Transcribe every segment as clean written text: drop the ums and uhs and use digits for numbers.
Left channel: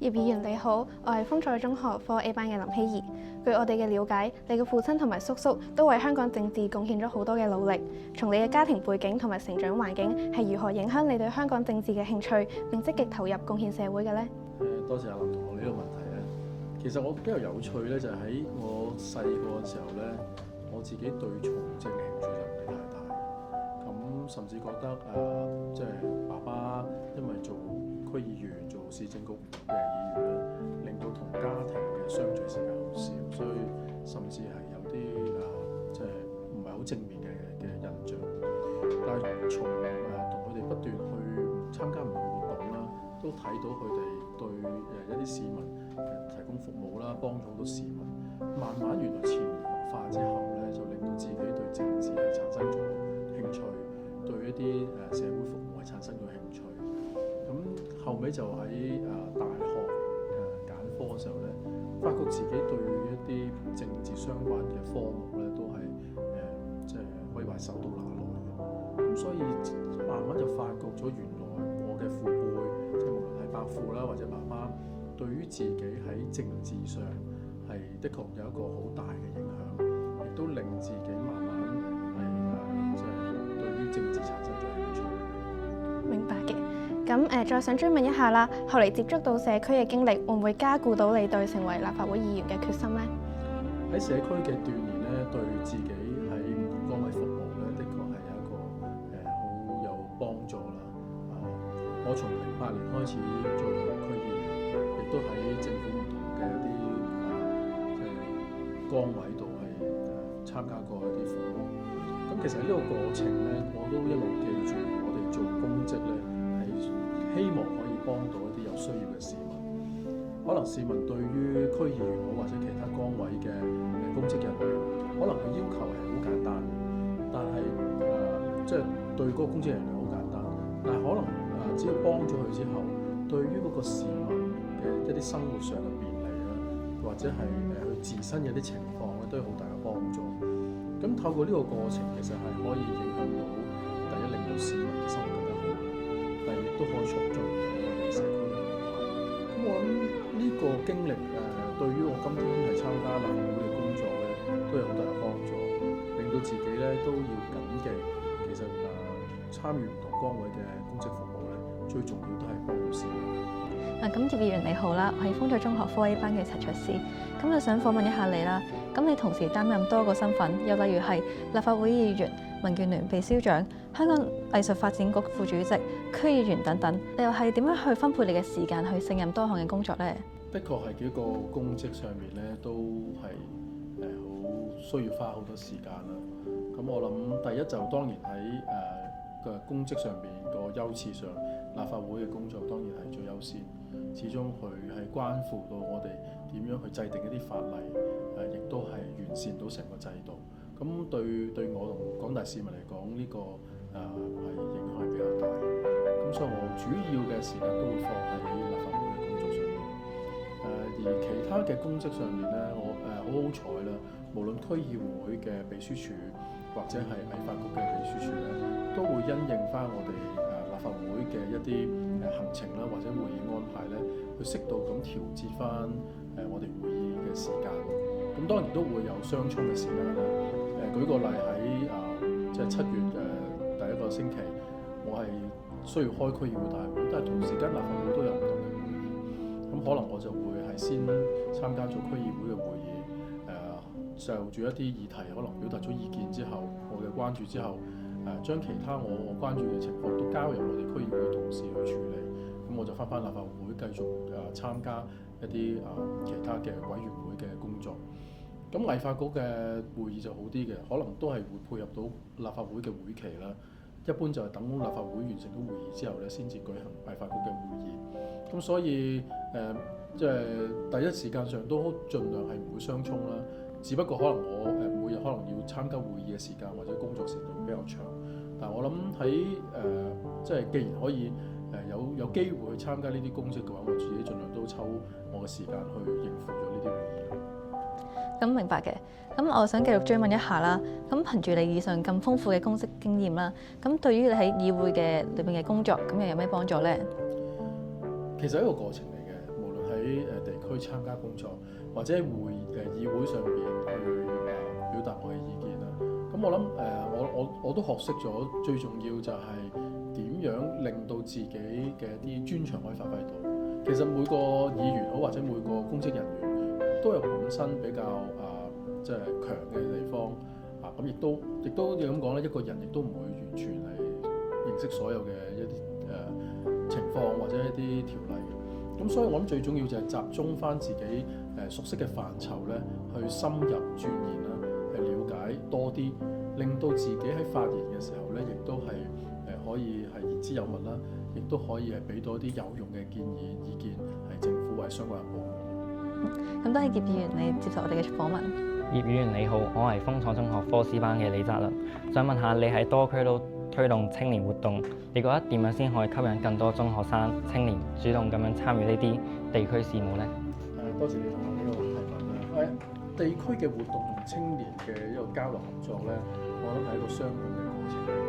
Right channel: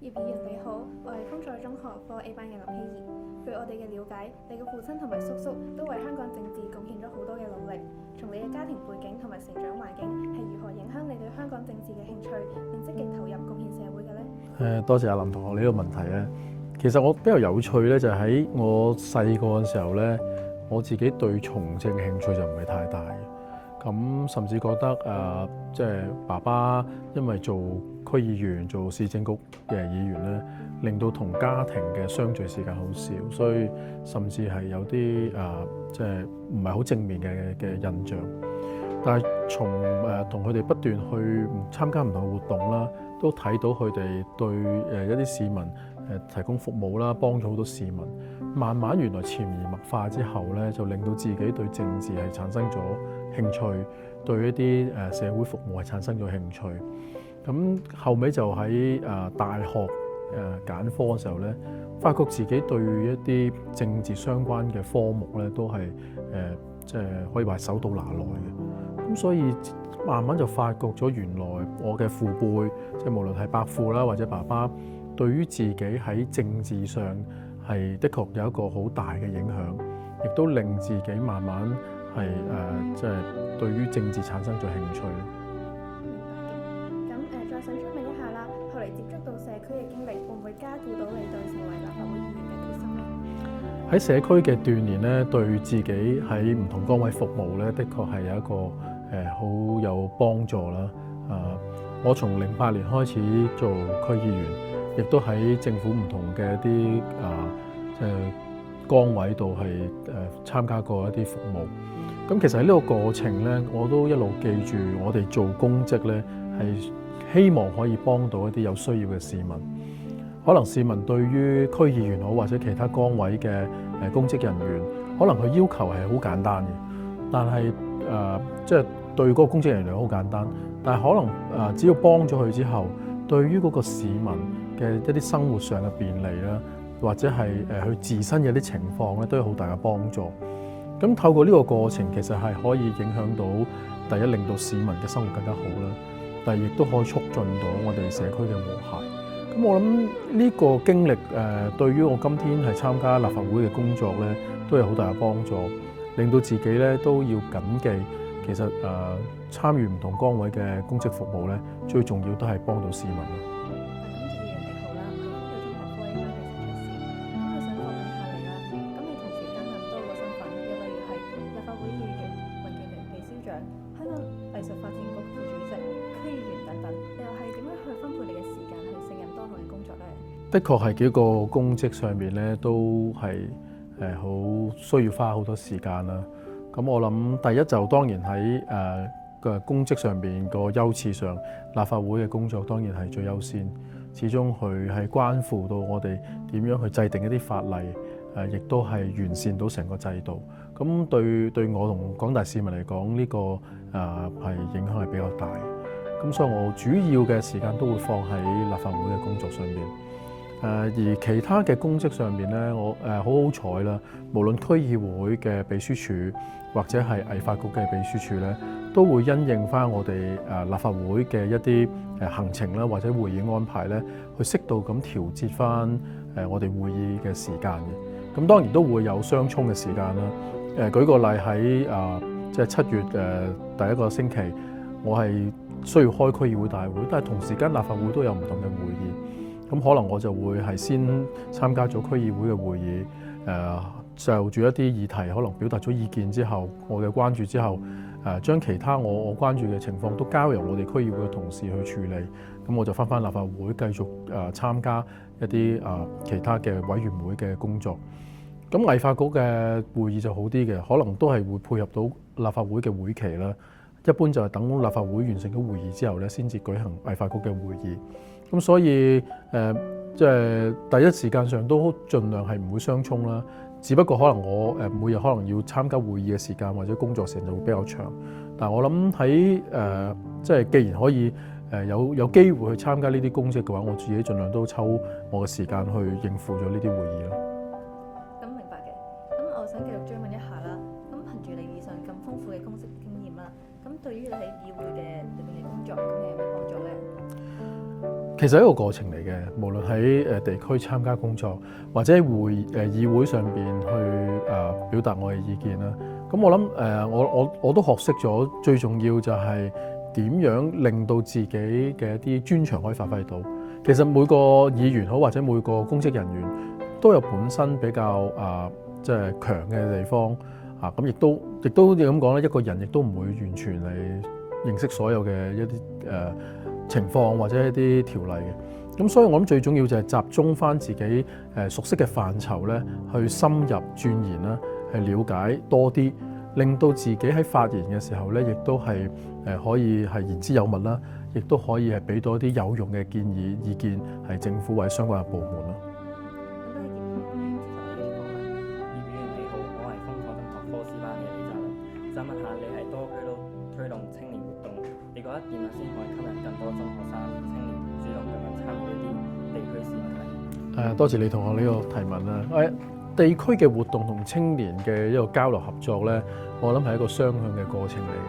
葉議員你好，我係豐菜中學科 A 班嘅林希怡。據我哋嘅了解，你嘅父親同埋叔叔都為香港政治貢獻咗好多嘅努力。從你嘅家庭背景同埋成長環境係如何影響你對香港政治嘅興趣，並積極投入貢獻社會嘅呢？多謝阿林同學呢個問題咧。其實我比較有趣咧，就係喺我細個嘅時候咧，我自己對從政嘅興趣就唔係太大。咁甚至覺得即係爸爸因為做區議員、做市政局嘅議員咧，令到同家庭嘅相聚時間好少，所以甚至係有啲即係唔係好正面嘅印象。但係從同佢哋不斷去參加唔同嘅活動啦，都睇到佢哋對一啲市民提供服務啦，幫咗好多市民。慢慢原來潛移默化之後咧，就令到自己對政治係產生咗興趣，對一啲社會服務係產生咗興趣。咁後尾就喺大學揀科嘅時候咧，發覺自己對一啲政治相關嘅科目咧，都係即係可以話手到拿來嘅。咁所以慢慢就發覺咗原來我嘅父輩，即係無論係伯父啦或者爸爸，對於自己喺政治上係的確有一個好大嘅影響，亦都令自己慢慢係即係對於政治產生咗興趣。明白嘅。咁再想追問一下啦，後嚟接觸到社區嘅經歷，會唔會加固到你對成為立法會議員嘅決心呢？喺社區嘅鍛鍊咧，對自己喺唔同崗位服務咧，的確係有一個好有幫助啦。我從08年開始做區議員，亦都喺政府唔同嘅一啲崗位度係參加過一啲服務。咁其實喺呢個過程咧，我都一路記住我哋做公職咧，係希望可以幫到一啲有需要嘅市民。可能市民對於區議員好或者其他崗位嘅公職人員，可能佢要求係好簡單嘅，但係即係對嗰個公職人員好簡單，但係可能只要幫咗佢之後，對於嗰個市民嘅一啲生活上嘅便利啦，或者係佢自身嘅啲情況咧，都有好大嘅幫助。咁透過呢個過程，其實係可以影響到第一，令到市民嘅生活更加好啦；第二，亦都可以促進到我哋社區嘅和諧。咁我諗呢個經歷對於我今天係參加立法會嘅工作咧，都有好大嘅幫助，令到自己咧都要謹記，其實參與唔同崗位嘅公職服務咧，最重要都係幫到市民。咁葉議員你好啦，我係豐菜中學科 A 班嘅陳卓思，咁就想訪問一下你啦。咁你同時擔任多個身份，又例如係立法會議員、民建聯秘書長、香港藝術發展局副主席、區議員等等，你又係點樣去分配你嘅時間去勝任多項嘅工作呢？的確係幾個公職上面咧，都係好需要花好多時間啦。咁我諗第一就當然喺嘅公職上邊個優次上，立法會嘅工作當然係最優先。始終佢係關乎到我哋點樣去制定一啲法例，亦都係完善到成個制度。咁對我同廣大市民嚟講，呢個係影響係比較大。咁所以我主要嘅時間都會放喺立法會嘅工作上面。而其他嘅公職上面咧，我好好彩啦，無論區議會嘅秘書處或者係藝發局嘅秘書處咧，都會因應翻我哋立法會嘅一啲行程啦，或者會議安排咧，去適度咁調節翻我哋會議嘅時間嘅。咁當然都會有相衝嘅時間啦。舉個例喺即係7月第一個星期，我係需要開區議會大會，但係同時間立法會都有唔同嘅會議。咁可能我就會係先參加咗區議會嘅會議，就住一啲議題可能表達咗意見之後，我嘅關注之後，將其他我關注嘅情況都交由我哋區議會嘅同事去處理。咁我就翻立法會繼續參加一啲其他嘅委員會嘅工作。咁藝發局嘅會議就好啲嘅，可能都係會配合到立法會嘅會期啦。一般就係等立法會完成咗會議之後咧，先至舉行藝發局嘅會議。咁所以即係第一時間上都盡量係唔會相衝啦。只不過可能我每日可能要參加會議嘅時間或者工作時間就會比較長。但係我諗喺即係既然可以有機會去參加呢啲公職嘅話，我自己盡量都抽我嘅時間去應付咗呢啲會議咯。咁明白嘅。咁我想繼續追問一下啦。咁憑住你以上咁豐富嘅公職經驗啦，咁對於你喺議會嘅裏邊嘅工作，咁又有咩幫助呢？其實係一個過程嚟嘅，無論喺地區參加工作，或者喺議會上邊去表達我嘅意見啦。咁我諗我都學識咗，最重要就係點樣令到自己嘅一啲專長可以發揮到。其實每個議員好或者每個公職人員都有本身比較即係強嘅地方啊。咁亦都要咁講咧，一個人亦都唔會完全係認識所有嘅一啲情況或者一啲條例嘅。咁所以我諗最重要就係集中返自己熟悉嘅範疇咧，去深入鑽研啦，係了解多啲，令到自己喺發言嘅時候咧，亦都係可以係言之有物啦，亦都可以係俾到一啲有用嘅建議意見，係政府或者相關嘅部門啦。咁多謝葉議員你接受我哋嘅訪問。葉議員你好，我係豐創中學科 C 班嘅李澤倫，想問下你喺多區都推動青年活動，你覺得點樣先可以吸引更多中學生青年主動咁樣參與呢啲地區事務呢？多謝你同我呢個提問啦。地區嘅活動同青年嘅一個交流合作咧，我諗係一個雙向嘅過程嚟嘅。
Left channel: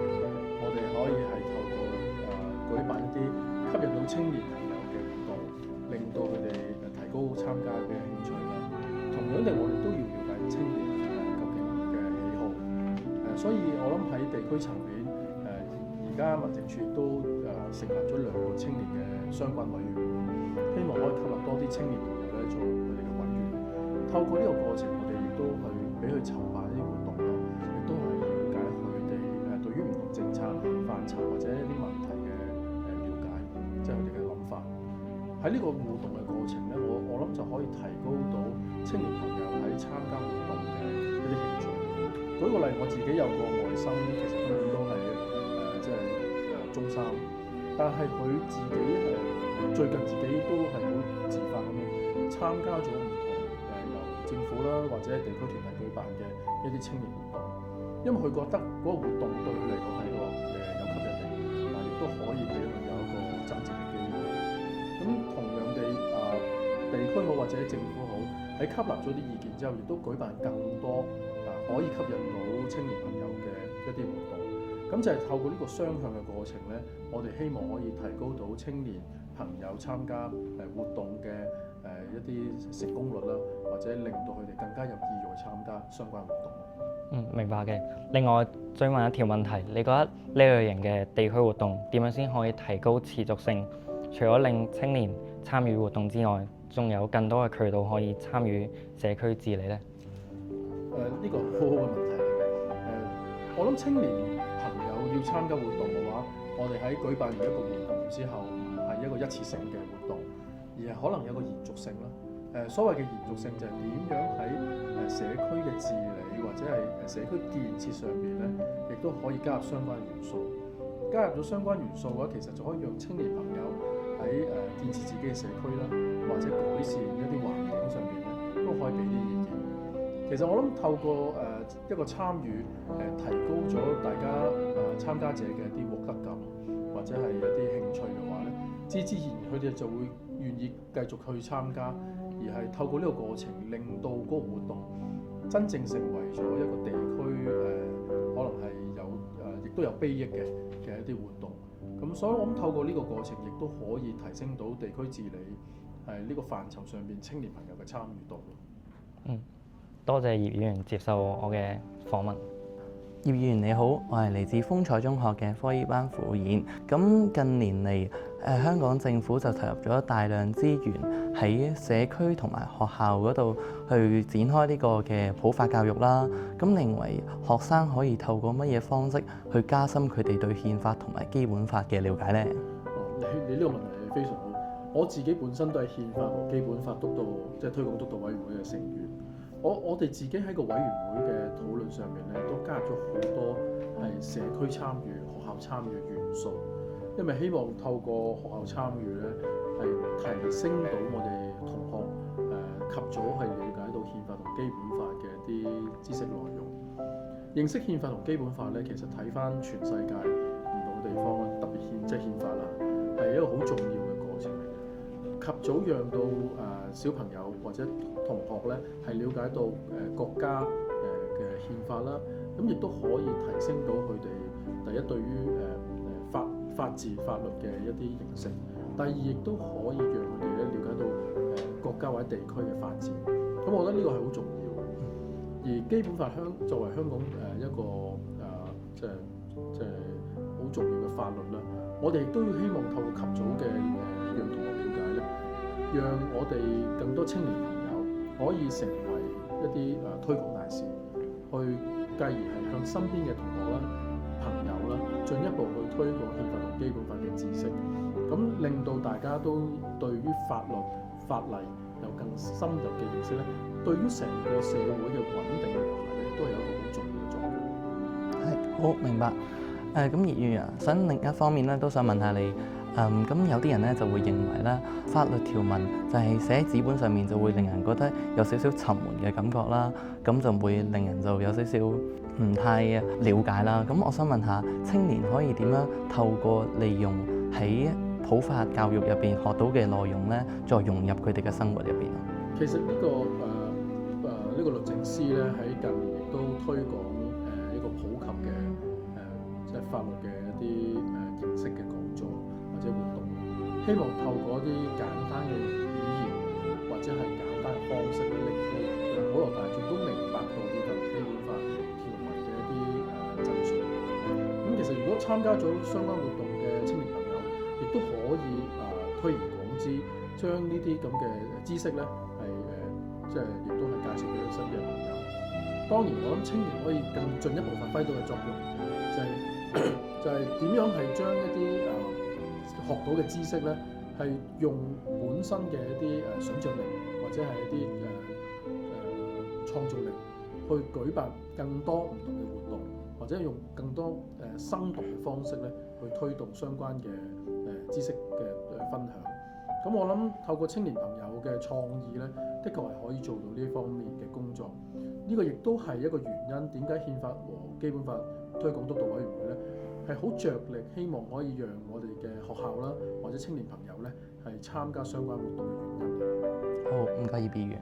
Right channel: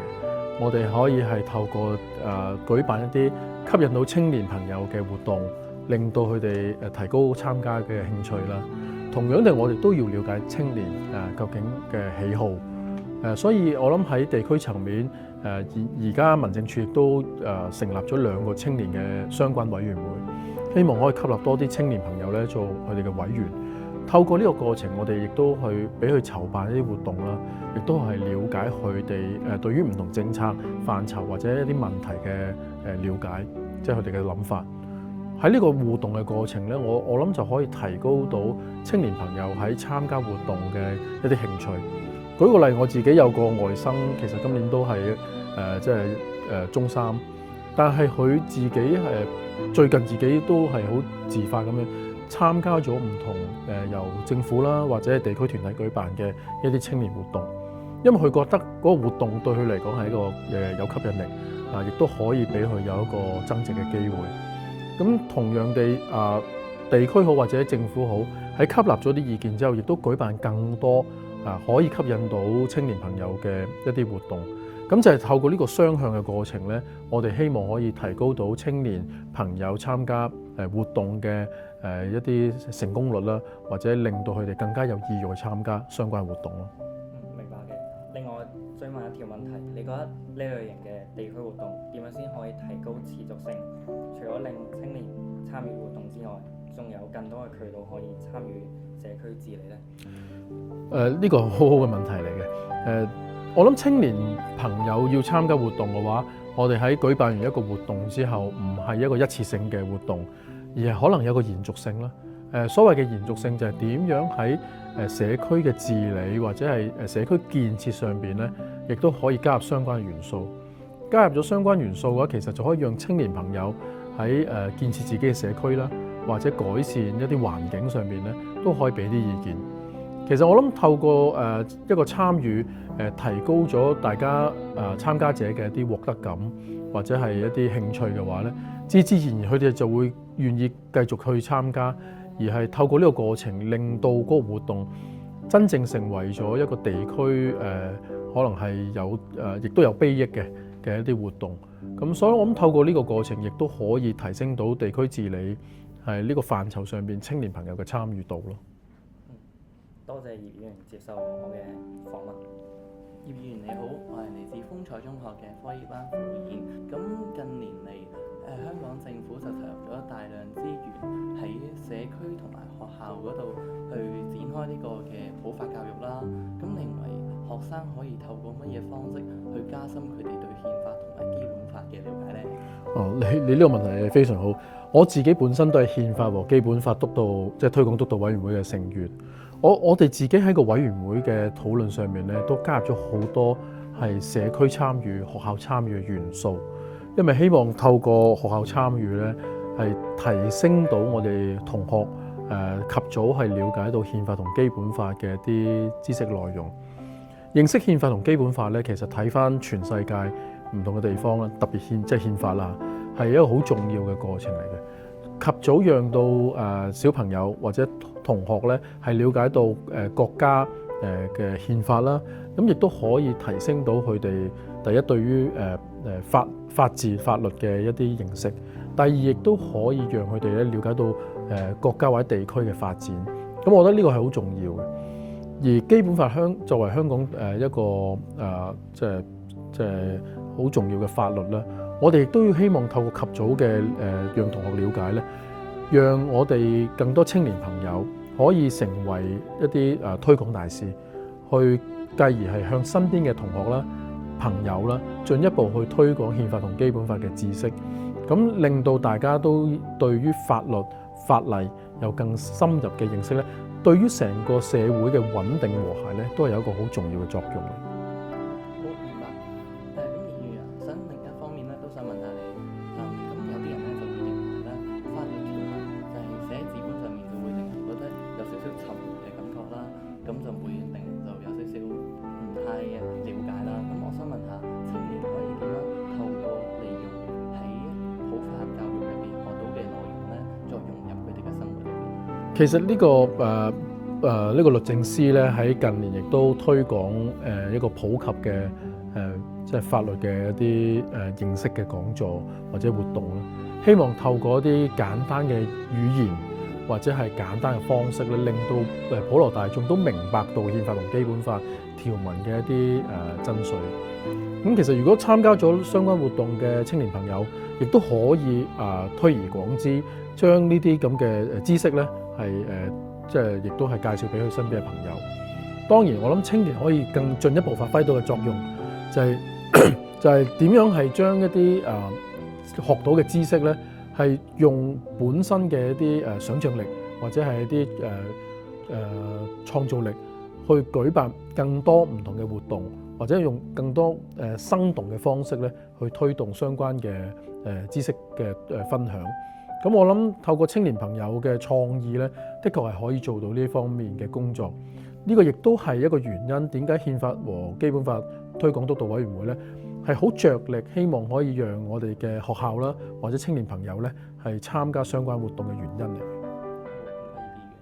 我哋可以係透過舉辦一啲吸引到青年朋友嘅活動，令到佢哋提高參加嘅興趣啦。同樣地，我哋都要了解青年究竟嘅喜好。所以我諗喺地區層面，而家民政處亦都成立咗2個青年嘅相關委員會，希望可以吸納多啲青年朋友咧做佢哋嘅委員。透過呢個過程，我哋亦都去俾佢籌辦一啲活動啦，亦都係了解佢哋對於唔同政策範疇或者一啲問題嘅了解，即係佢哋嘅諗法。喺呢個互動嘅過程咧，我諗就可以提高到青年朋友喺參加活動嘅一啲興趣。舉個例，我自己有個外甥，其實今年都係即係中3，但係佢自己最近自己都係好自發咁樣參加咗唔同由政府啦或者係地區團體舉辦嘅一啲青年活動，因為佢覺得嗰個活動對佢嚟講係一個有吸引力亦都可以俾佢有一個增值嘅機會。咁同樣地地區好或者政府好，喺吸納咗啲意見之後，亦都舉辦更多可以吸引到青年朋友嘅一啲活動。咁就係透過呢個雙向嘅過程咧，我哋希望可以提高到青年朋友參加活動嘅一啲成功率啦，或者令到佢哋更加有意欲去參加相關活動咯。明白嘅。另外，追問一條問題，你覺得呢類型嘅地區活動點樣先可以提高持續性？除咗令青年參與活動之外，仲有更多嘅渠道可以參與社區治理呢？呢個好好嘅問題嚟嘅。我諗青年朋友要參加活動嘅話，我哋喺舉辦完一個活動之後，唔係一個一次性嘅活動，而係可能有個延續性啦。所謂嘅延續性就係點樣喺社區嘅治理或者係社區建設上邊咧，亦都可以加入相關元素。加入咗相關元素嘅話，其實就可以讓青年朋友喺建設自己嘅社區啦，或者改善一啲環境上面咧，都可以俾啲意見。其實我諗透過一個參與，提高咗大家參加者嘅一啲獲得感，或者係一啲興趣嘅話咧，自自然然佢哋就會願意繼續去參加，而係透過呢個過程，令到嗰個活動真正成為咗一個地區可能係有亦都有裨益嘅一啲活動。咁所以我諗透過呢個過程，亦都可以提升到地區治理係呢個範疇上邊青年朋友嘅參與度咯。多謝葉議員接受我嘅訪問。葉議員你好，我係嚟自豐彩中學嘅科 E 班副演。咁近年嚟，香港政府就投入咗大量資源喺社區同埋學校嗰度去展開呢個嘅普法教育啦。咁認為學生可以透過乜嘢方式去加深佢哋對憲法同埋基本法嘅了解呢？你呢個問題係非常好。我自己本身都係憲法和基本法督導即係推廣督導委員會嘅成員。我哋自己喺個委員會嘅討論上面咧，都加入咗好多係社區參與、學校參與嘅元素，因為希望透過學校參與咧，係提升到我哋同學及早係了解到憲法同基本法嘅一啲知識內容。認識憲法同基本法咧，其實睇返全世界唔同嘅地方啦，特別即係憲法啦，係一個好重要嘅過程嚟嘅。及早讓到小朋友或者同學咧係了解到國家嘅憲法啦，咁亦都可以提升到佢哋第一對於法治法律嘅一啲認識，第二亦都可以讓佢哋咧了解到國家或者地區嘅發展。咁我覺得呢個係好重要嘅。而基本法作為香港一個即係好重要嘅法律啦，我哋亦都要希望透過及早嘅讓同學了解咧，讓我哋更多青年朋友可以成為一啲推廣大使，去繼而係向身邊嘅同學啦、朋友啦，進一步去推廣憲法同基本法嘅知識，咁令到大家都對於法律法例有更深入嘅認識咧，對於成個社會嘅穩定和諧咧，都係有一個好重要嘅作用。係，好明白。咁葉議員啊，想另一方面咧，都想問下你。咁有啲人咧就會認為咧，法律條文就係寫喺紙本上面，就會令人覺得有少少沉悶嘅感覺啦。咁就會令人就有少少唔太了解啦。咁我想問下，青年可以點樣透過利用喺普法教育入邊學到嘅內容咧，再融入佢哋嘅生活入邊啊？其實呢個律政司咧喺近年亦都推廣一個普及嘅即係法律嘅一啲認識嘅講座或者活動啦，希望透過一啲簡單嘅語言或者係簡單嘅方式咧，令到普羅大眾都明白到憲法同基本法條文嘅一啲真髓。咁其實如果參加咗相關活動嘅青年朋友，亦都可以推而廣之，將呢啲咁嘅知識咧係即係亦都係介紹俾佢身邊嘅朋友。當然，我諗青年可以更進一步發揮到嘅作用，就係點樣係將一啲學到嘅知識咧，係用本身嘅一啲想像力或者係一啲創造力去舉辦更多唔同嘅活動，或者用更多生動嘅方式咧去推動相關嘅知識嘅分享。咁我諗透過青年朋友嘅創意咧，的確係可以做到呢方面嘅工作。呢個亦都係一個原因，點解憲法和基本法推廣督導委員會咧係好着力，希望可以讓我哋嘅學校啦或者青年朋友咧係參加相關活動嘅原因嚟。好，唔該葉議員。